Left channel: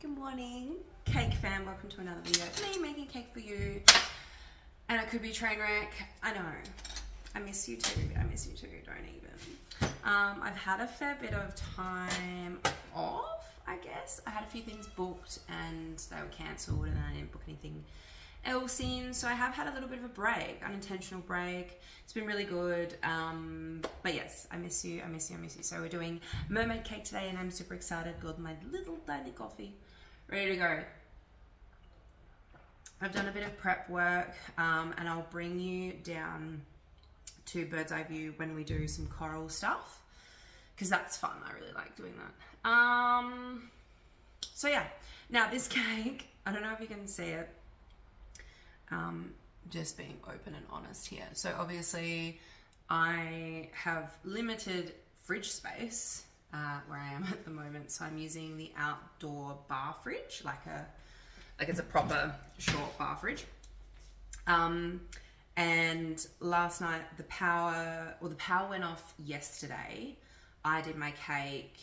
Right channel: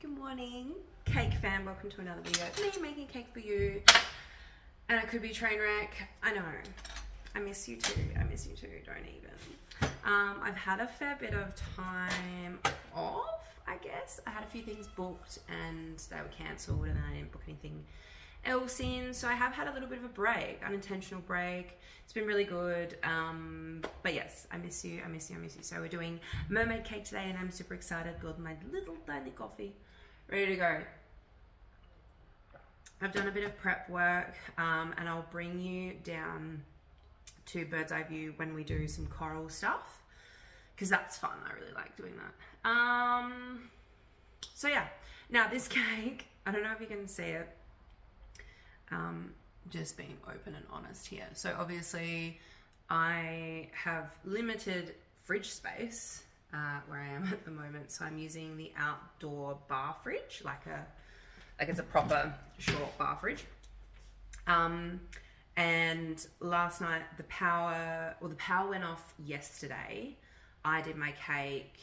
Good morning, cake fam. Welcome to another video. Me making cake for you, and it could be a train wreck. I know. I miss you too. I miss you too. Don't even. I've had a fair bit of time off, I guess. I had a few things booked and they were cancelled, and then I didn't book anything else in. So I have had a little bit of a break, unintentional break. It's been really good. But yes, I miss you. I miss you. I miss you. So we're doing mermaid cake today, and I'm super excited. Got my little tiny coffee ready to go. I've done a bit of prep work, and I'll bring you down to bird's eye view when we do some coral stuff, because that's fun. I really like doing that. So yeah, now this cake, I don't know if you can see it, just being open and honest here. So obviously I have limited fridge space where I am at the moment, so I'm using the outdoor bar fridge, like it's a proper short bar fridge. And last night the power went off yesterday. I did my cake.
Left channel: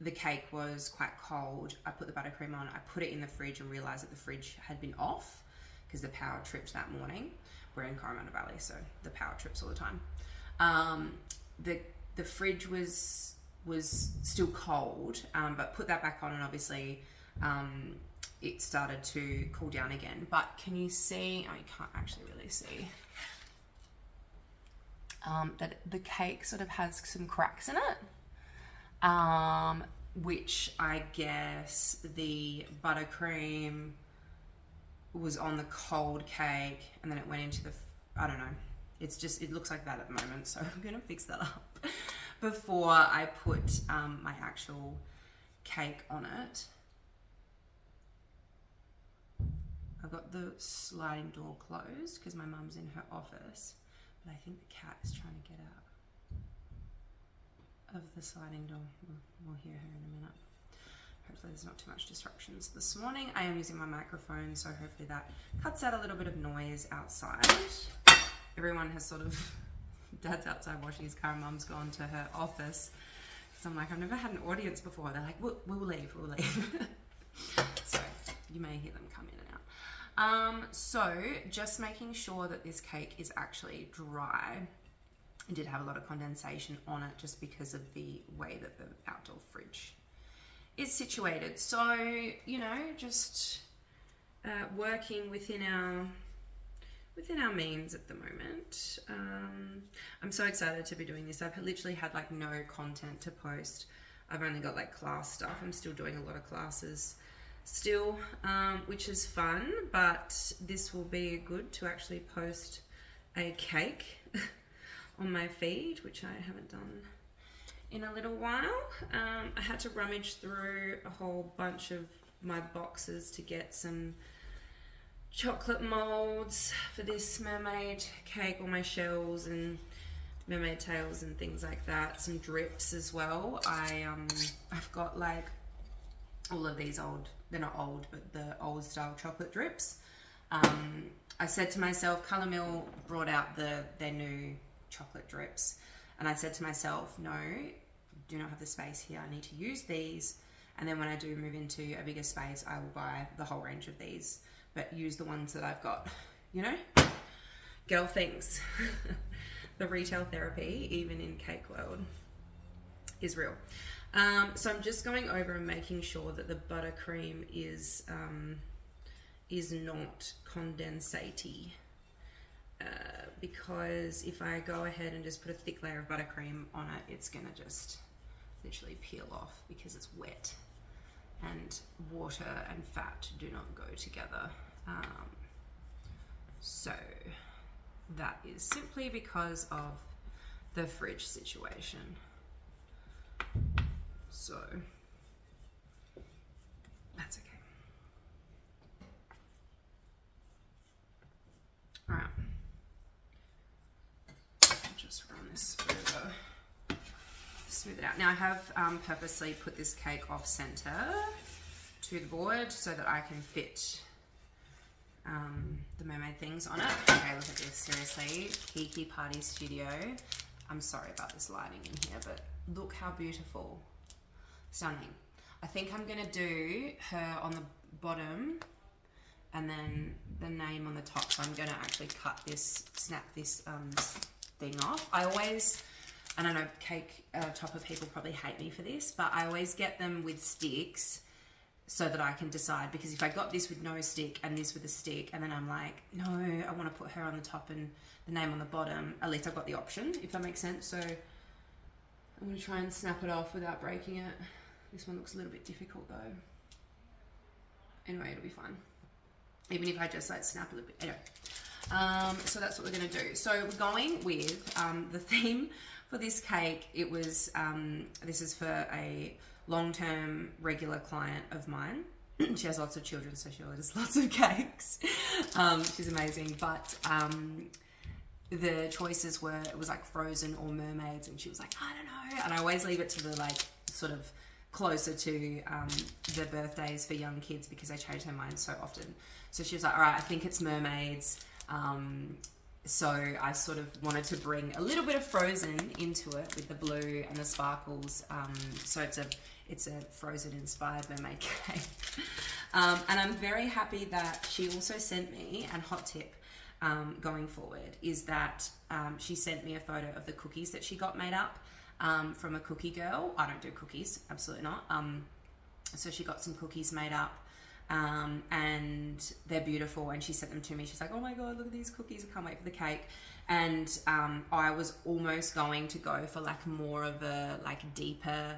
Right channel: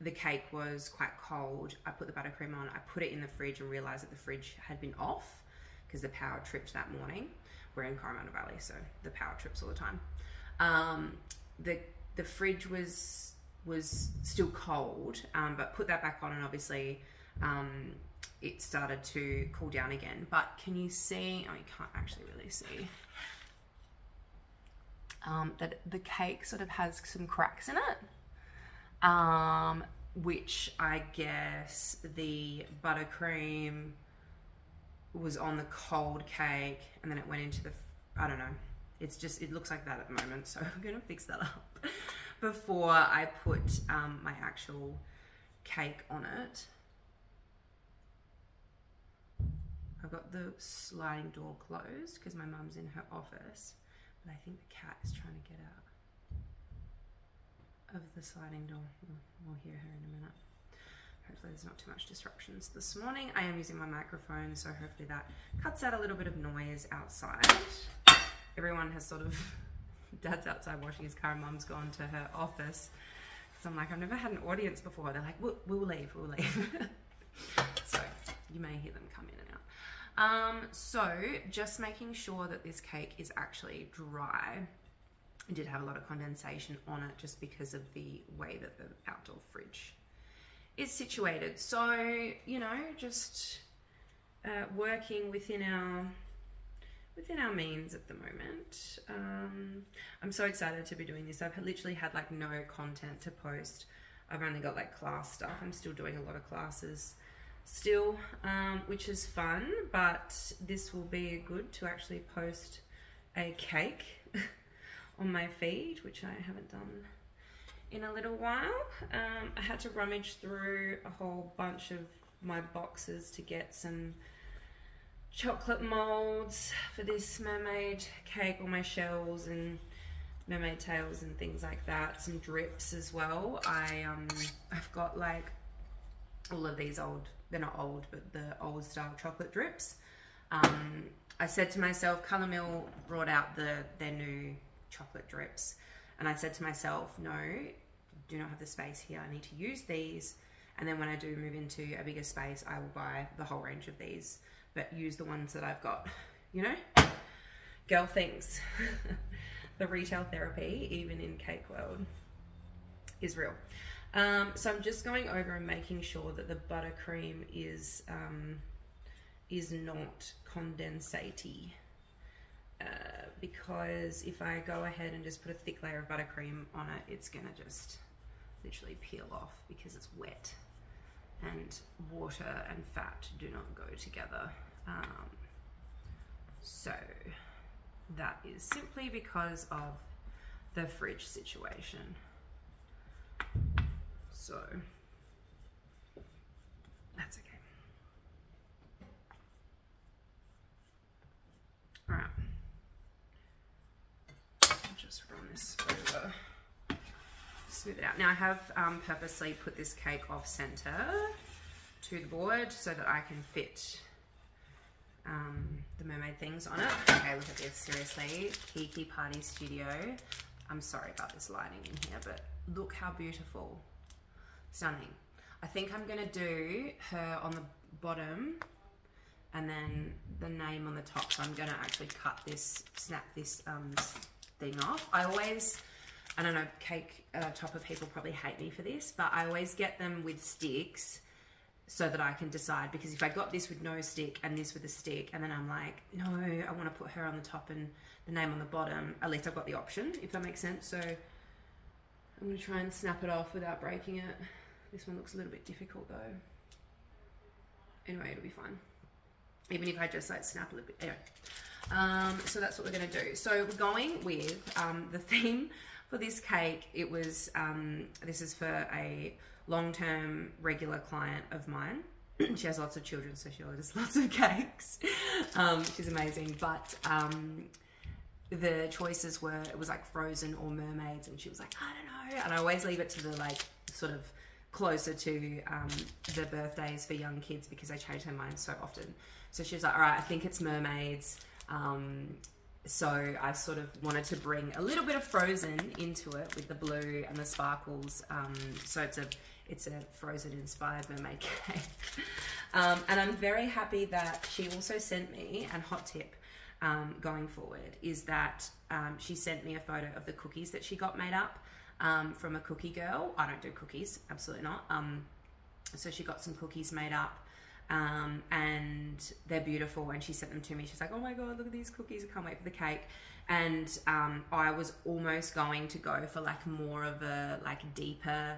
The cake was quite cold. I put the buttercream on. I put it in the fridge and realized that the fridge had been off because the power tripped that morning. We're in Coromandel Valley, so the power trips all the time. The fridge was still cold, but put that back on, and obviously it started to cool down again. But can you see? Oh, you can't actually really see. That the cake sort of has some cracks in it, which I guess the buttercream was on the cold cake, and then it went into the, I don't know, it looks like that at the moment, so I'm gonna fix that up before I put my actual cake on it. I've got the sliding door closed because my mum's in her office, but I think the cat is trying to get out of the sliding door. We'll hear her in a minute. Hopefully there's not too much disruptions. This morning I am using my microphone, so hopefully that cuts out a little bit of noise outside. Everyone has sort of, Dad's outside washing his car, Mum's gone to her office. So I'm like, I've never had an audience before. They're like, we'll leave. So you may hear them come in and out. So just making sure that this cake is actually dry. I did have a lot of condensation on it just because of the way that the outdoor fridge is situated. So, you know, just working within our means at the moment. I'm so excited to be doing this. I've literally had like no content to post. I've only got like class stuff. I'm still doing a lot of classes still, which is fun, but this will be good to actually post a cake on my feed, which I haven't done in a little while. I had to rummage through a whole bunch of my boxes to get some chocolate molds for this mermaid cake, all my shells and mermaid tails and things like that. Some drips as well. I've got like all of these old, they're not old, but the old style chocolate drips. I said to myself, Colour Mill brought out their new chocolate drips, and I said to myself, no, do not have the space here. I need to use these, and then when I do move into a bigger space, I will buy the whole range of these, but use the ones that I've got, you know? Girl things. The retail therapy, even in cake world, is real. So I'm just going over and making sure that the buttercream is not condensate-y. Because if I go ahead and just put a thick layer of buttercream on it, it's gonna just literally peel off because it's wet, and water and fat do not go together. So that is simply because of the fridge situation. So that's okay. All right. Just run this over, smooth it out. Now I have purposely put this cake off center to the board so that I can fit the mermaid things on it. Okay, look at this, seriously. Kiki Party Studio. I'm sorry about this lighting in here, but look how beautiful. Stunning. I think I'm gonna do her on the bottom and then the name on the top. So I'm gonna actually cut this, snap this thing off. I don't know, cake topper people probably hate me for this, but I always get them with sticks so that I can decide, because if I got this with no stick and this with a stick, and then I'm like, no, I want to put her on the top and the name on the bottom, at least I've got the option, if that makes sense. So I'm going to try and snap it off without breaking it. This one looks a little bit difficult though. Anyway, it'll be fine. Even if I just like snap a little bit. Anyway. So that's what we're going to do. So we're going with the theme for this cake. It was, this is for a long-term regular client of mine. She has lots of children, so she orders lots of cakes. She's amazing. But the choices were, it was like frozen or mermaids, and she was like, I don't know. And I always leave it to the like sort of closer to the birthdays for young kids, because I change their minds so often. So she was like, all right, I think it's mermaids. So I sort of wanted to bring a little bit of frozen into it with the blue and the sparkles. So it's a frozen inspired mermaid cake. And I'm very happy that she also sent me, and hot tip going forward is that she sent me a photo of the cookies that she got made up from a cookie girl. I don't do cookies, absolutely not. So she got some cookies made up. And they're beautiful, and she sent them to me. She's like, oh my god, look at these cookies, I can't wait for the cake. And I was almost going to go for like more of a like deeper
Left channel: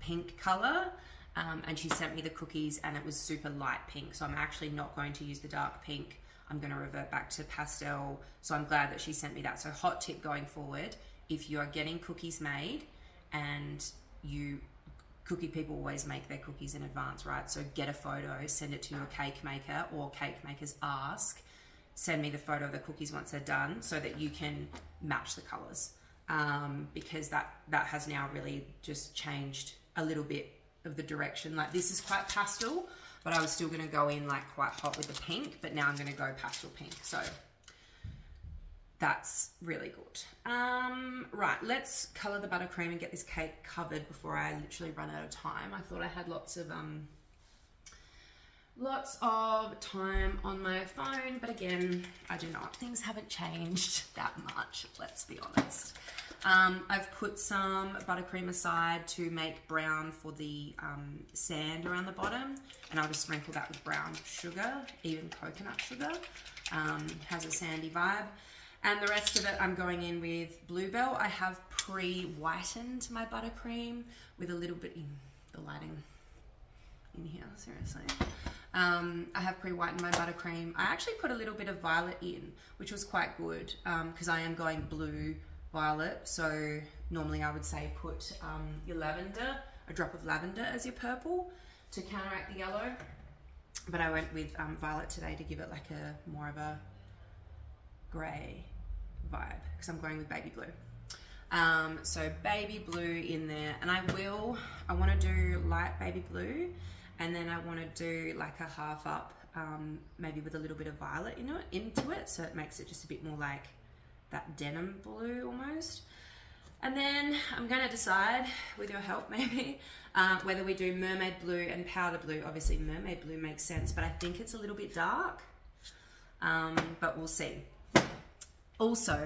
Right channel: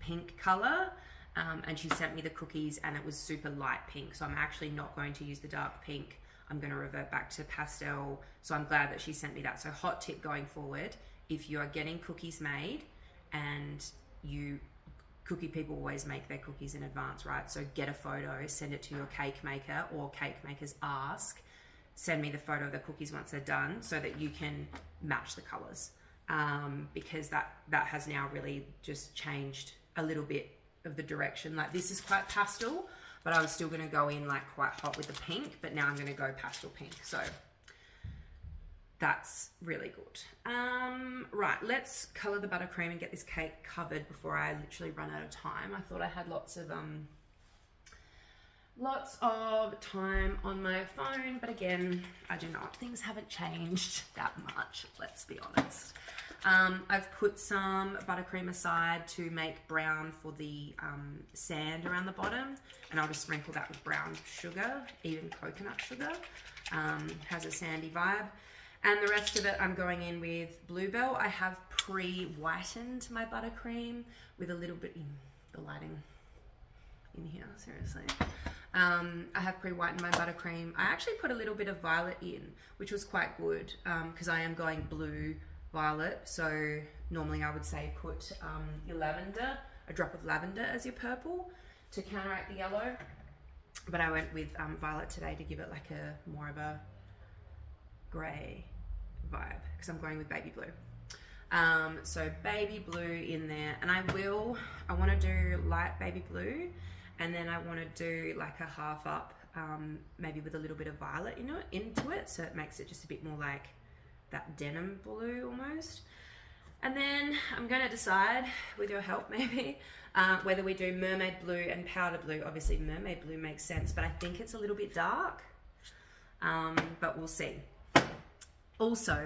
pink color, and she sent me the cookies and it was super light pink, so I'm actually not going to use the dark pink. I'm going to revert back to pastel. So I'm glad that she sent me that. So hot tip going forward, if you are getting cookies made, and cookie people always make their cookies in advance, right? So get a photo, send it to your cake maker, or cake makers ask, send me the photo of the cookies once they're done, so that you can match the colors. Because that has now really just changed a little bit of the direction. Like this is quite pastel, but I was still gonna go in like quite hot with the pink, but now I'm gonna go pastel pink. So that's really good. Right, let's color the buttercream and get this cake covered before I literally run out of time. I thought I had lots of time on my phone, but again, I do not. Things haven't changed that much, let's be honest. I've put some buttercream aside to make brown for the sand around the bottom, and I'll just sprinkle that with brown sugar, even coconut sugar. Has a sandy vibe. And the rest of it, I'm going in with Bluebell. I have pre-whitened my buttercream with a little bit, the lighting in here, seriously. I have pre-whitened my buttercream. I actually put a little bit of violet in, which was quite good, because I am going blue violet. So normally I would say put your lavender, a drop of lavender as your purple to counteract the yellow. But I went with violet today to give it like a more of a grey vibe, because I'm going with baby blue. So baby blue in there, and I want to do light baby blue, and then I want to do like a half up, maybe with a little bit of violet into it, so it makes it just a bit more like that denim blue almost. And then I'm going to decide, with your help maybe, whether we do mermaid blue and powder blue. Obviously mermaid blue makes sense, but I think it's a little bit dark, but we'll see. Also,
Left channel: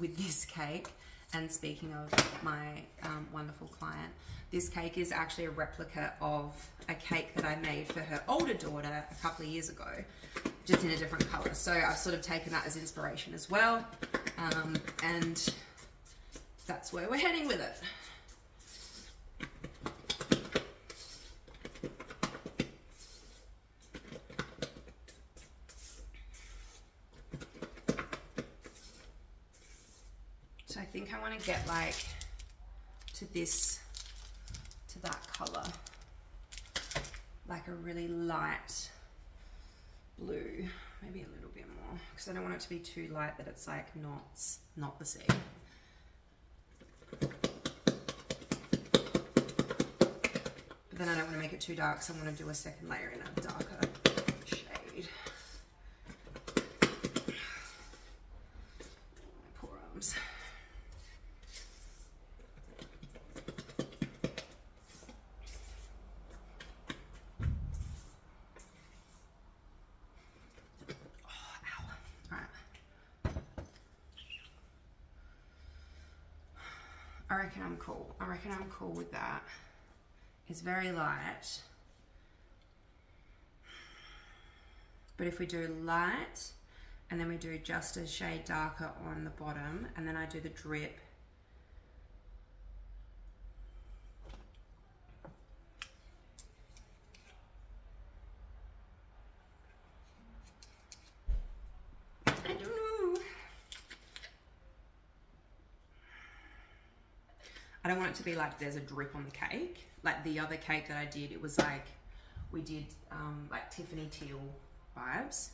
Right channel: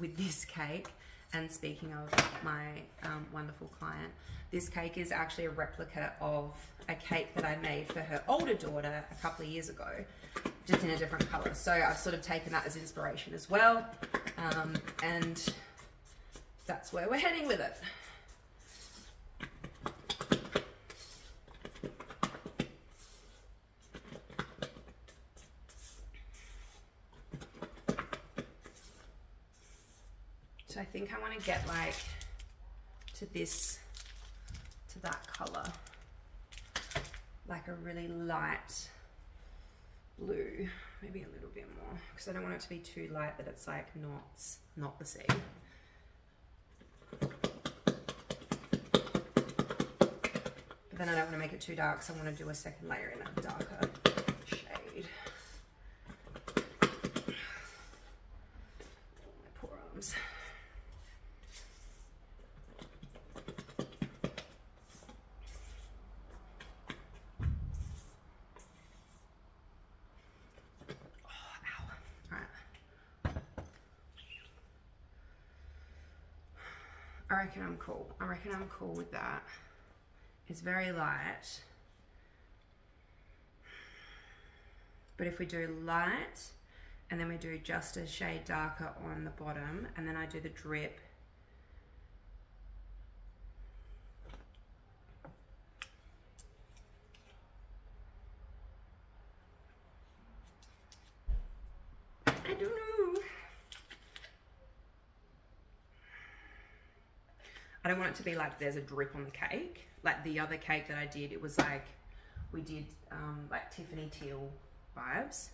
with this cake, and speaking of my wonderful client, this cake is actually a replica of a cake that I made for her older daughter a couple of years ago, just in a different color. So I've sort of taken that as inspiration as well, and that's where we're heading with it. So I think I want to get like to that color, like a really light blue, maybe a little bit more, because I don't want it to be too light that it's like not the same. But then I don't want to make it too dark, so I want to do a second layer in a darker shade. My poor arms. I reckon I'm cool. I reckon I'm cool with that. It's very light. But if we do light, and then we do just a shade darker on the bottom, and then I do the drip. I don't know. I don't want it to be like there's a drip on the cake. Like the other cake that I did, it was like, we did like Tiffany teal vibes,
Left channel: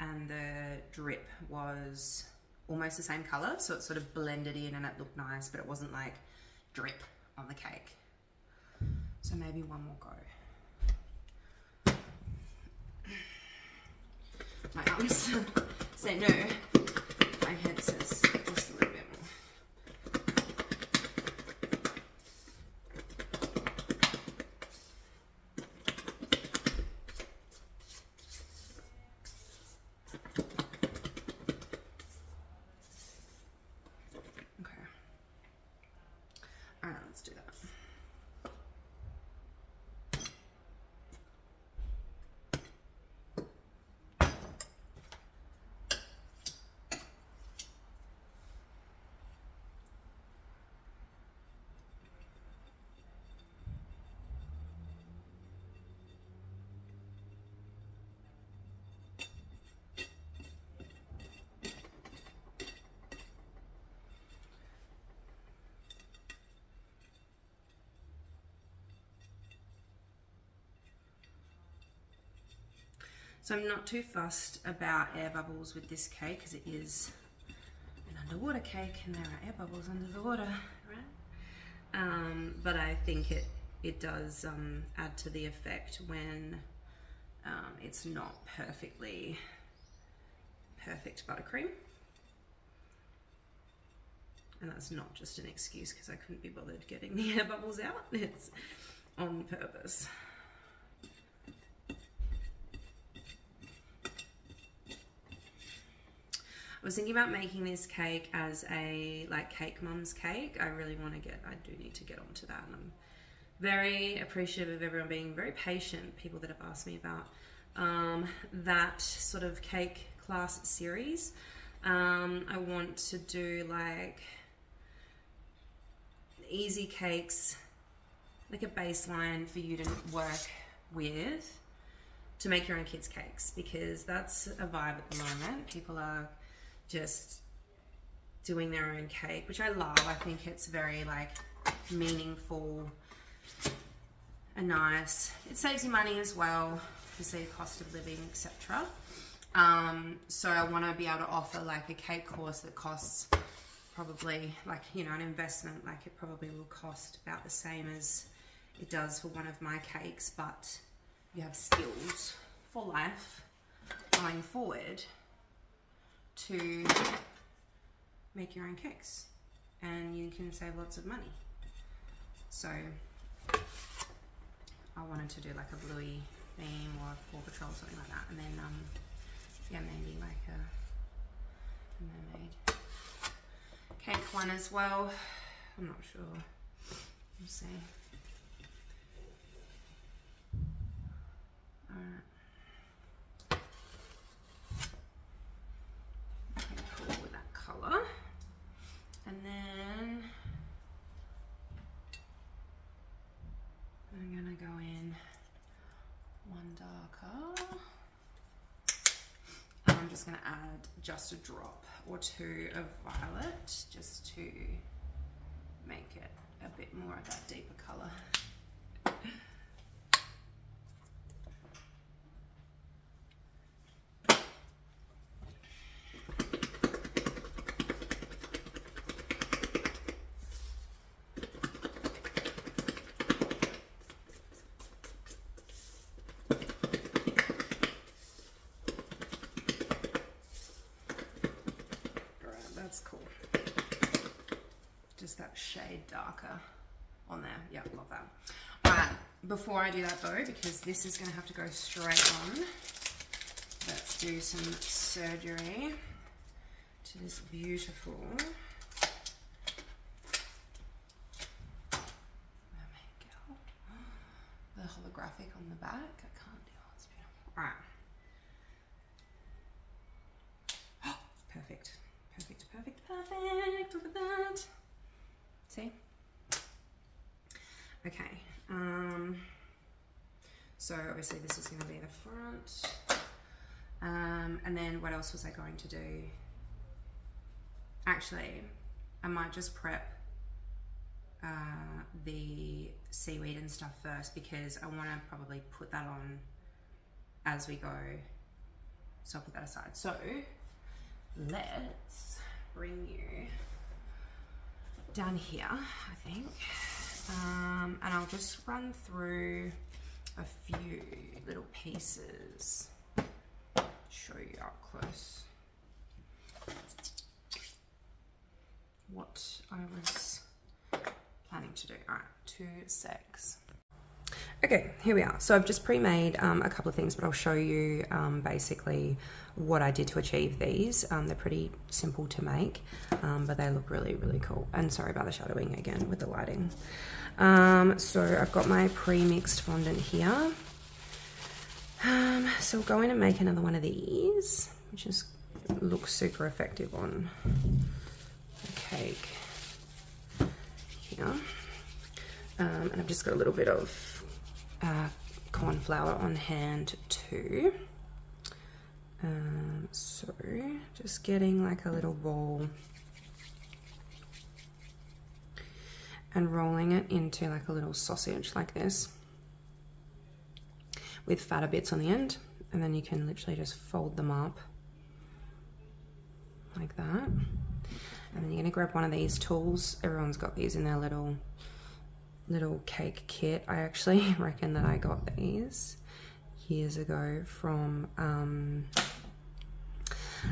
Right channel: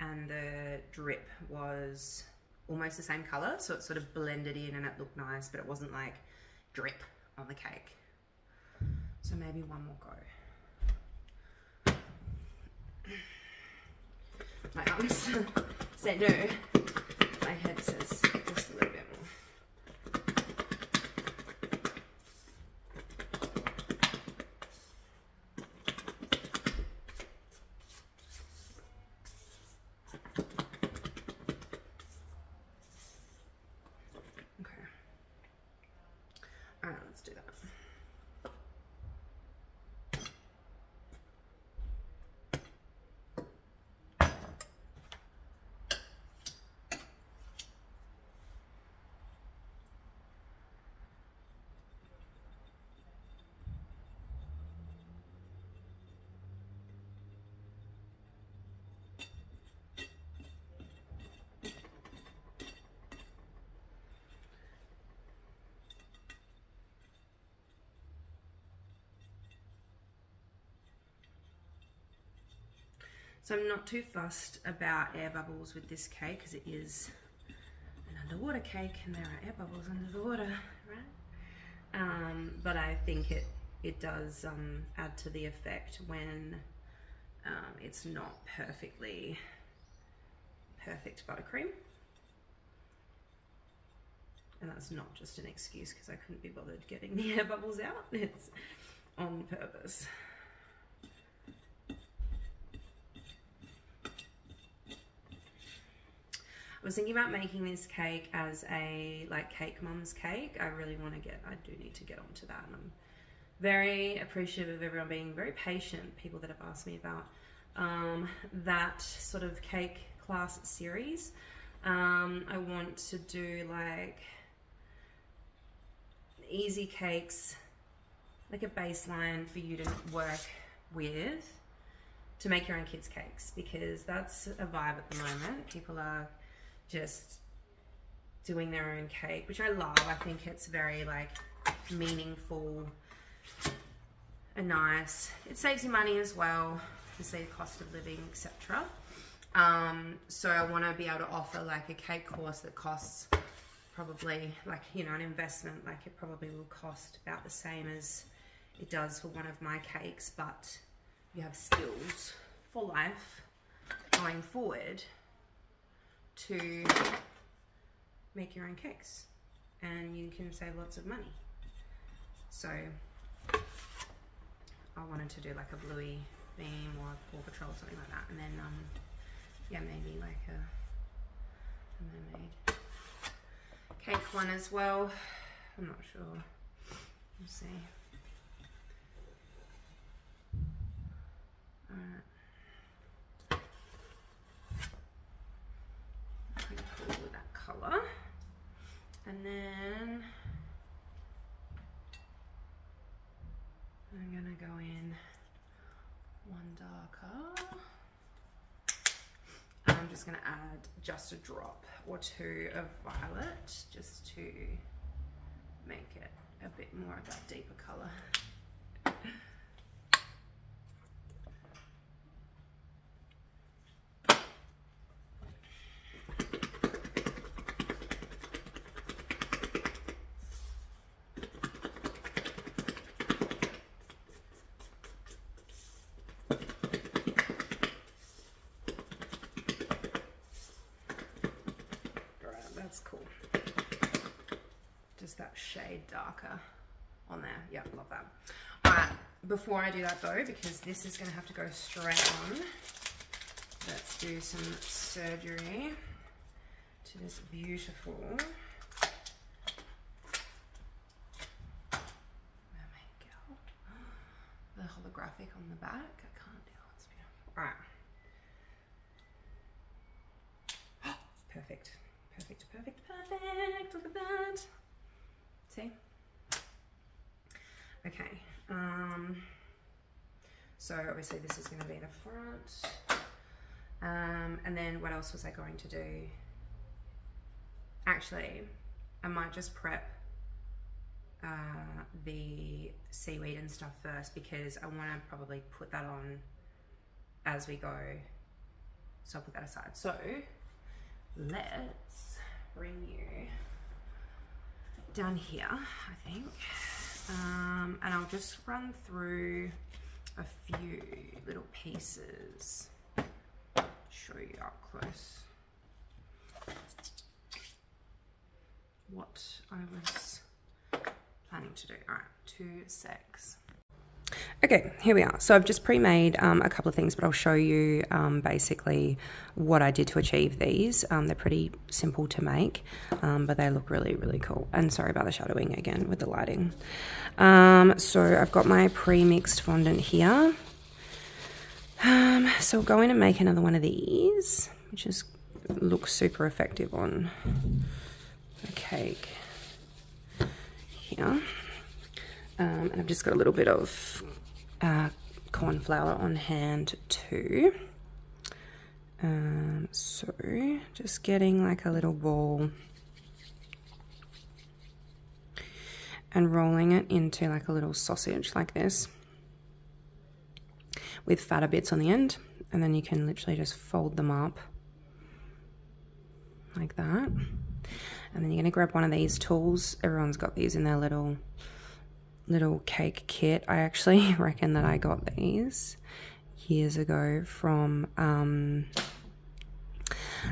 and the drip was almost the same color, so it sort of blended in and it looked nice, but it wasn't like drip on the cake. So maybe one more go. My arms say no, my head says just a little bit more. Let's do that. So I'm not too fussed about air bubbles with this cake because it is an underwater cake and there are air bubbles under the water, right? But I think it does add to the effect when it's not perfect buttercream. And that's not just an excuse because I couldn't be bothered getting the air bubbles out. It's on purpose. I was thinking about making this cake as a like cake mum's cake. I really want to I do need to get onto that. And I'm very appreciative of everyone being very patient, people that have asked me about that sort of cake class series. I want to do like easy cakes, like a baseline for you to work with to make your own kids' cakes, because that's a vibe at the moment. People are just doing their own cake, which I love. I think it's very like meaningful and nice. It saves you money as well, obviously cost of living, etc. So I want to be able to offer like a cake course that costs probably like, you know, an investment, like it probably will cost about the same as it does for one of my cakes, but you have skills for life going forward to make your own cakes, and you can save lots of money. So I wanted to do like a bluey theme or a Paw Patrol, something like that, and then yeah, maybe like a mermaid cake one as well. I'm not sure. We'll see. Alright. Pretty cool with that colour. And then I'm gonna go in one darker. And I'm just gonna add just a drop or two of violet just to make it a bit more of that deeper colour. That's cool. Just that shade darker on there. Yeah, love that. Alright, before I do that though, because this is going to have to go straight on, let's do some surgery to this beautiful graphic on the back. I can't do it. All right. Perfect. Perfect, perfect, perfect. Look at that. See? Okay. So obviously this is going to be the front. And then what else was I going to do? Actually, I might just prep the seaweed and stuff first, because I want to probably put that on as we go. So I'll put that aside. So let's bring you down here, I think. And I'll just run through a few little pieces, show you up close what I was planning to do. All right, 2 secs. Okay, here we are. So I've just pre-made a couple of things, but I'll show you basically what I did to achieve these. They're pretty simple to make, but they look really, really cool. And sorry about the shadowing again with the lighting. So I've got my pre-mixed fondant here. So we're going to make another one of these, which looks super effective on the cake here. And I've just got a little bit of corn flour on hand too. So just getting like a little ball and rolling it into like a little sausage like this with fatter bits on the end, and then you can literally just fold them up like that. And then you're gonna grab one of these tools. Everyone's got these in their little cake kit. I actually reckon that I got these years ago from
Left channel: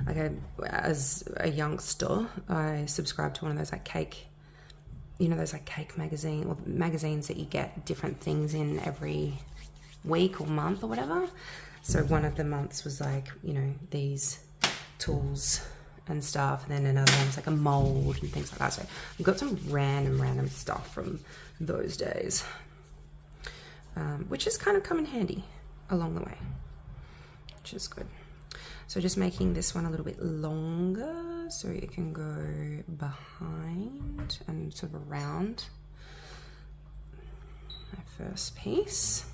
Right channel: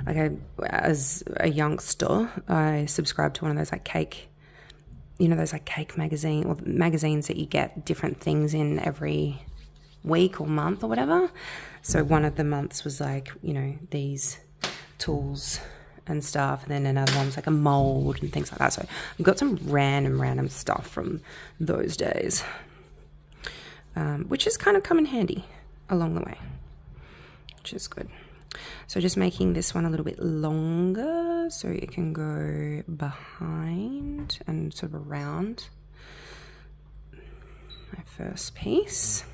as a youngster. I subscribed to one of those like cake, you know, those like cake magazine or magazines that you get different things in every week or month or whatever. So one of the months was like, you know, these tools and stuff, and then another one was like a mold and things like that. So I've got some random stuff from those days, which has kind of come in handy along the way, which is good. So just making this one a little bit longer so it can go behind and sort of around my first piece,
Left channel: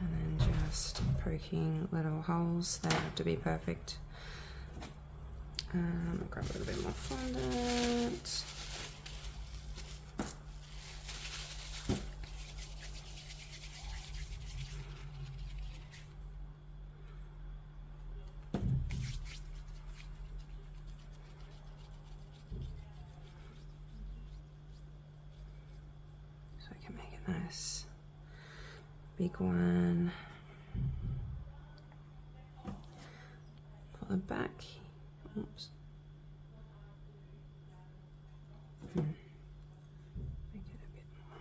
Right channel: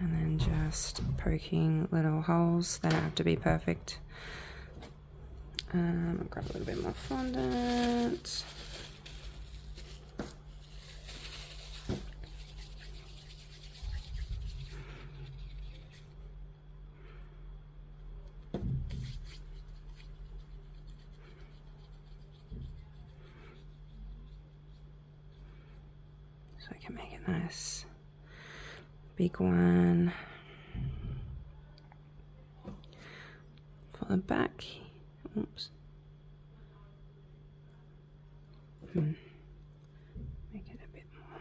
and then just poking little holes. They don't have to be perfect. I'll grab a little bit more fondant. So I can make it nice. Big one. For the back. Oops. Make it a bit more.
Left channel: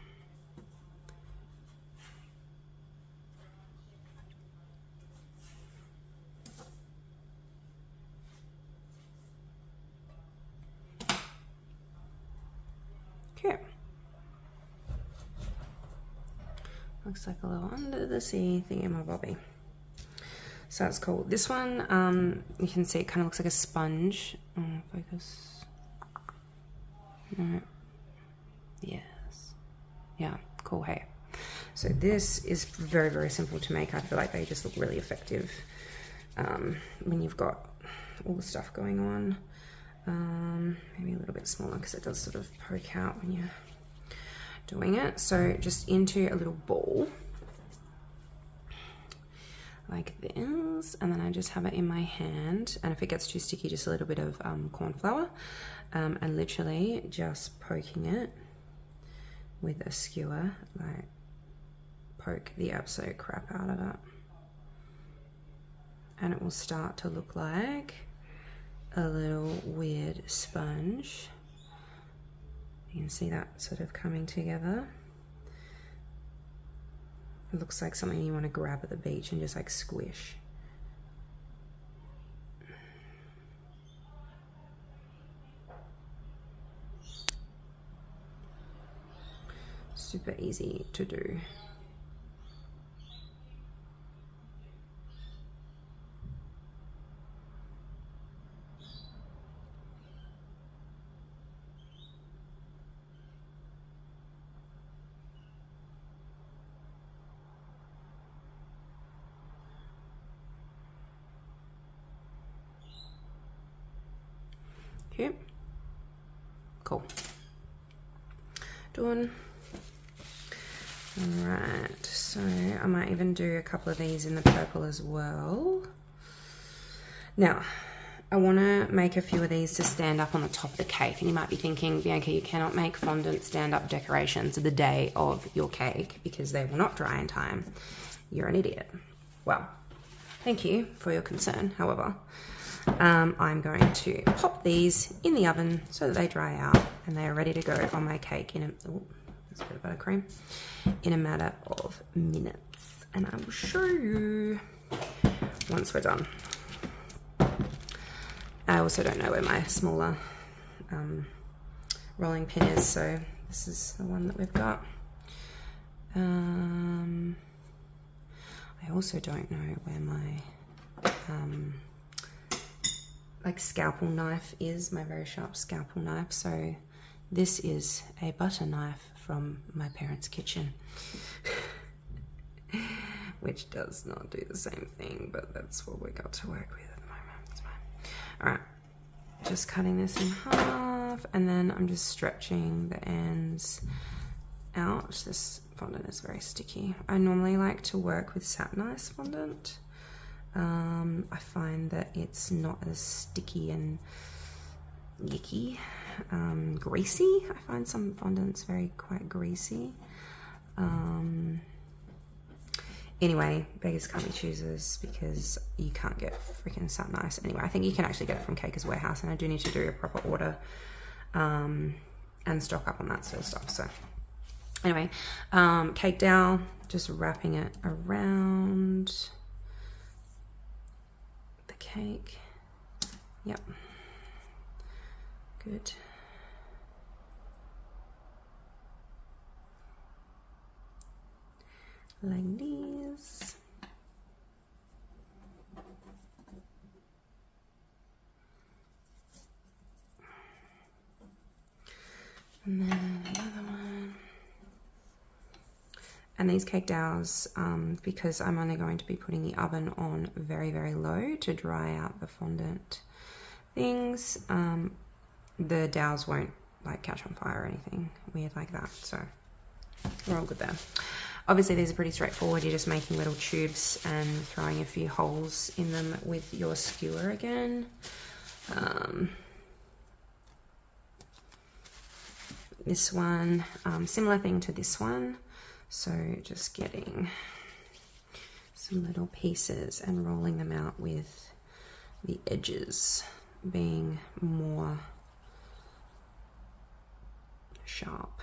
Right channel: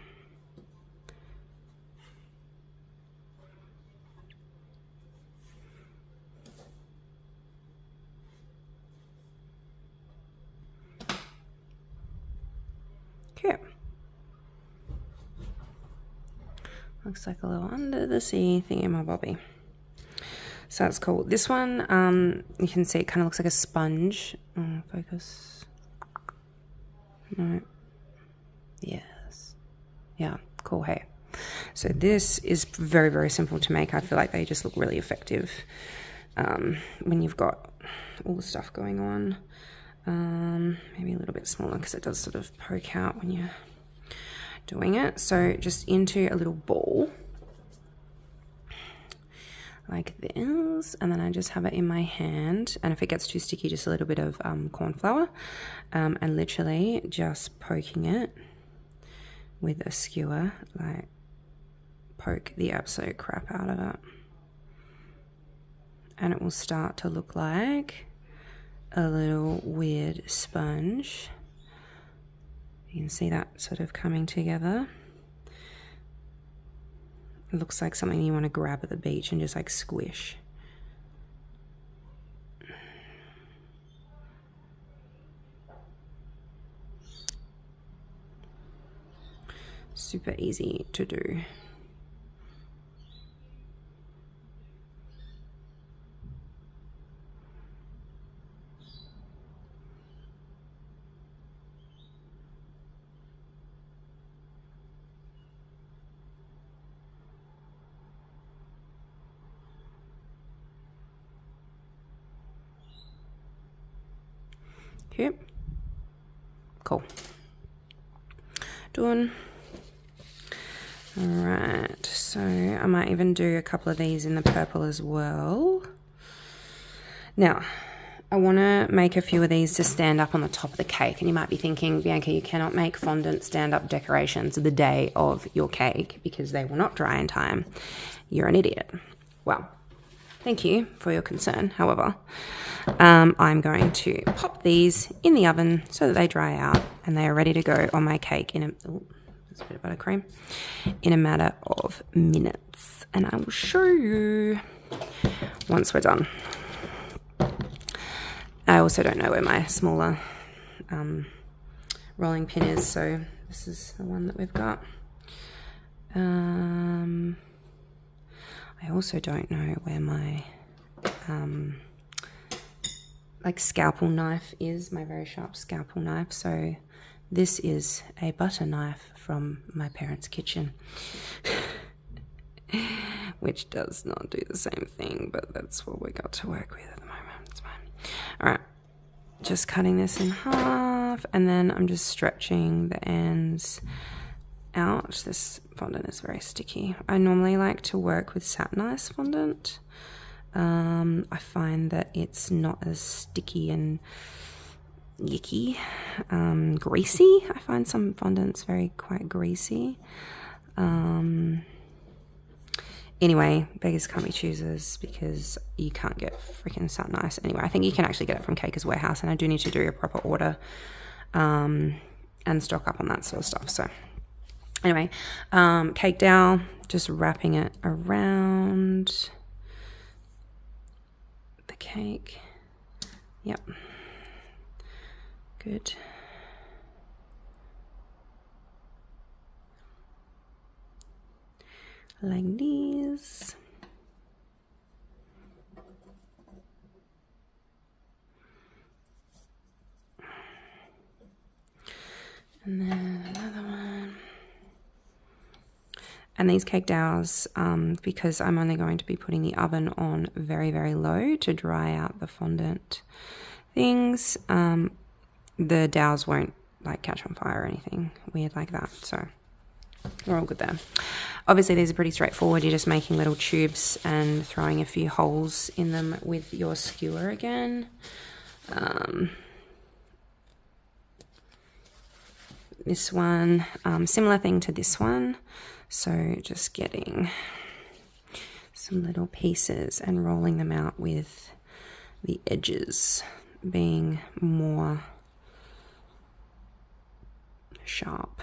Okay. Looks like a little under the sea thingamabobby. So that's cool. This one, you can see it kind of looks like a sponge. Focus. No. Yes. Yeah, cool. Hey. So this is very, very simple to make. I feel like they just look really effective when you've got all the stuff going on. Maybe a little bit smaller because it does sort of poke out when you're doing it. So just into a little ball like this, and then I just have it in my hand, and if it gets too sticky, just a little bit of corn flour, and literally just poking it with a skewer, like poke the absolute crap out of it, and it will start to look like a little weird sponge. You can see that sort of coming together. It looks like something you want to grab at the beach and just like squish. Super easy to do. cute. Cool. Done. Alright, so I might even do a couple of these in the purple as well. Now, I want to make a few of these to stand up on the top of the cake. And you might be thinking, Bianca, you cannot make fondant stand-up decorations the day of your cake because they will not dry in time. You're an idiot. Well, thank you for your concern. However, I'm going to pop these in the oven so that they dry out and they are ready to go on my cake in a... Ooh, there's a bit of buttercream. In a matter of minutes. And I will show you once we're done. I also don't know where my smaller rolling pin is, so this is the one that we've got. I also don't know where my like scalpel knife is, my very sharp scalpel knife. So this is a butter knife from my parents' kitchen, which does not do the same thing, but that's what we got to work with at the moment. It's fine. All right, just cutting this in half, and then I'm just stretching the ends out. This fondant is very sticky. I normally like to work with satinized fondant. I find that it's not as sticky and yicky, greasy. I find some fondants quite greasy. Anyway, beggars can't be choosers because you can't get freaking satinized. Anyway, I think you can actually get it from Caker's Warehouse, and I do need to do a proper order and stock up on that sort of stuff. So anyway, cake dowel, just wrapping it around the cake. Yep. Good. Like these. And then another one. And these cake dowels, because I'm only going to be putting the oven on very, very low to dry out the fondant things, the dowels won't like catch on fire or anything weird like that. So we're all good there. Obviously these are pretty straightforward. You're just making little tubes and throwing a few holes in them with your skewer again. This one, similar thing to this one. So just getting some little pieces and rolling them out with the edges being more sharp.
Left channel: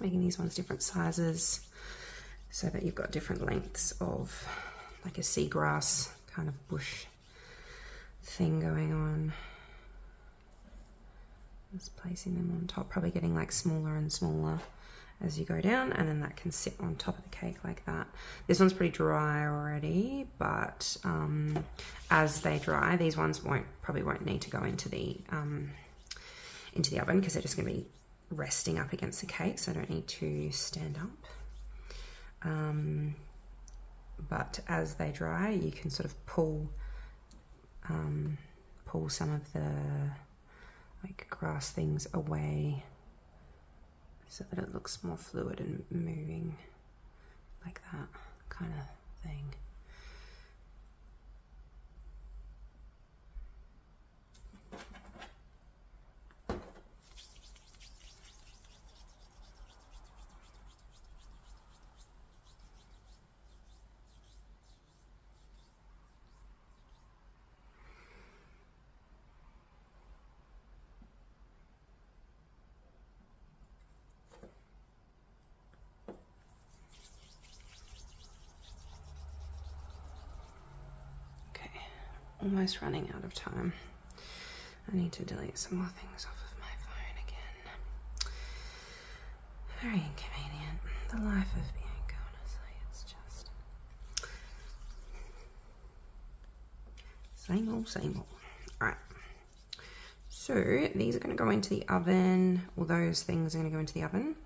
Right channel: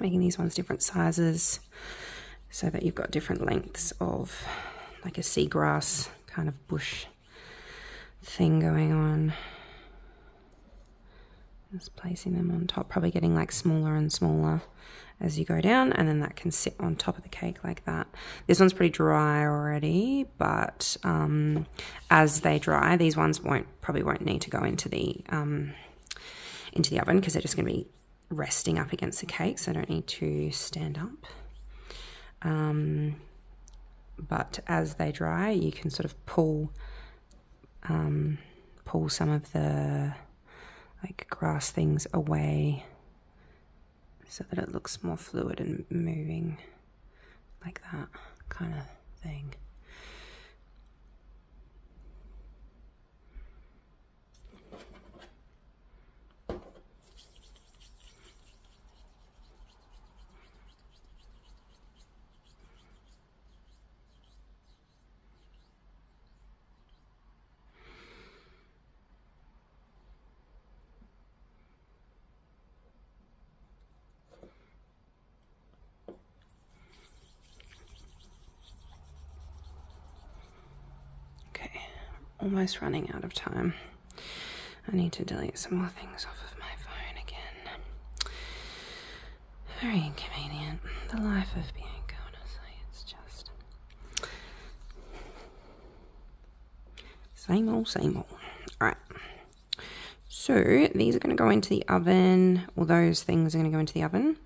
Making these ones different sizes so that you've got different lengths of like a seagrass kind of bush thing going on. Just placing them on top, probably getting like smaller and smaller as you go down, and then that can sit on top of the cake like that. This one's pretty dry already, but as they dry, these ones probably won't need to go into the oven because they're just going to be resting up against the cake, so I don't need to stand up. But as they dry, you can sort of pull some of the like grass things away so that it looks more fluid and moving, like that kind of thing. Almost running out of time. I need to delete some more things off of my phone again. Very inconvenient. The life of Bianca, honestly. It's just same old, same old. Alright. So these are going to go into the oven, or those things are going to go into the oven.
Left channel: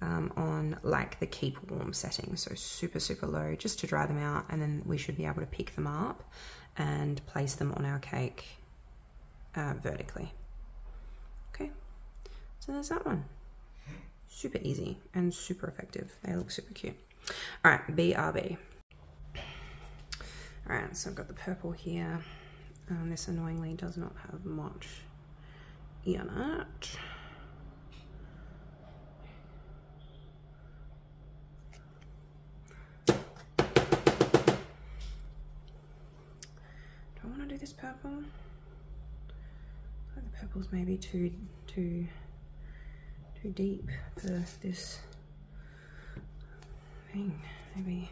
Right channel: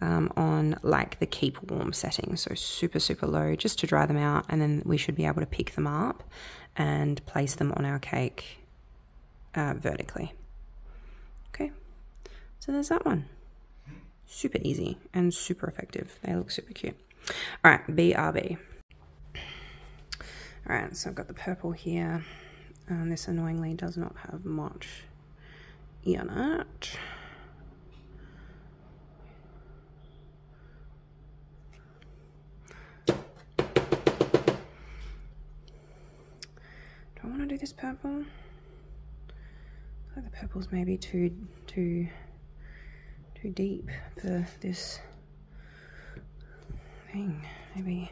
on like the keep warm setting. So super, super low just to dry them out. And then we should be able to pick them up and place them on our cake vertically. Okay, so there's that one. Super easy and super effective. They look super cute. All right, BRB. All right, so I've got the purple here. And this annoyingly does not have much in it. Do I want to do this purple? I think the purple's maybe too deep for this thing. Maybe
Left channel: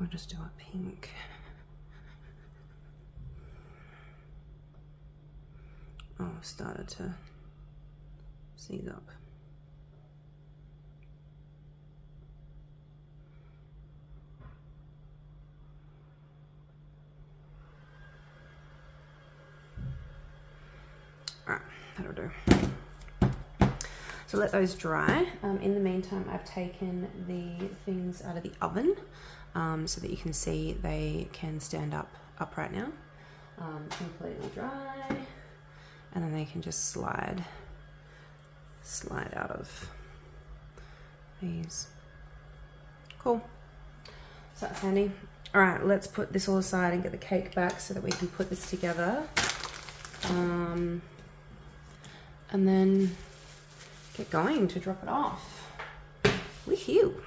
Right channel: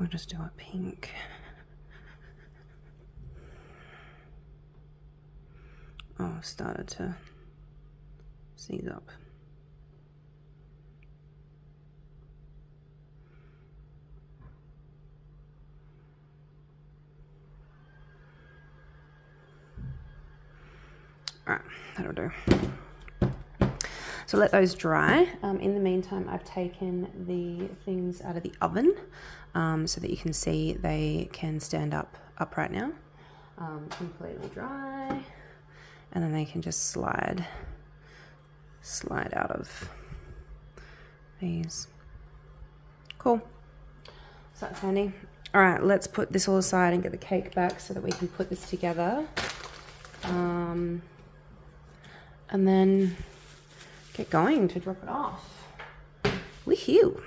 we'll just do a pink. Oh, I've started to seize up. Alright, that'll do. So let those dry. In the meantime, I've taken the things out of the oven so that you can see they can stand up right now. Completely dry. And then they can just slide out of these. Cool. So that's handy. All right, let's put this all aside and get the cake back so that we can put this together. And then get going to drop it off. Woohoo!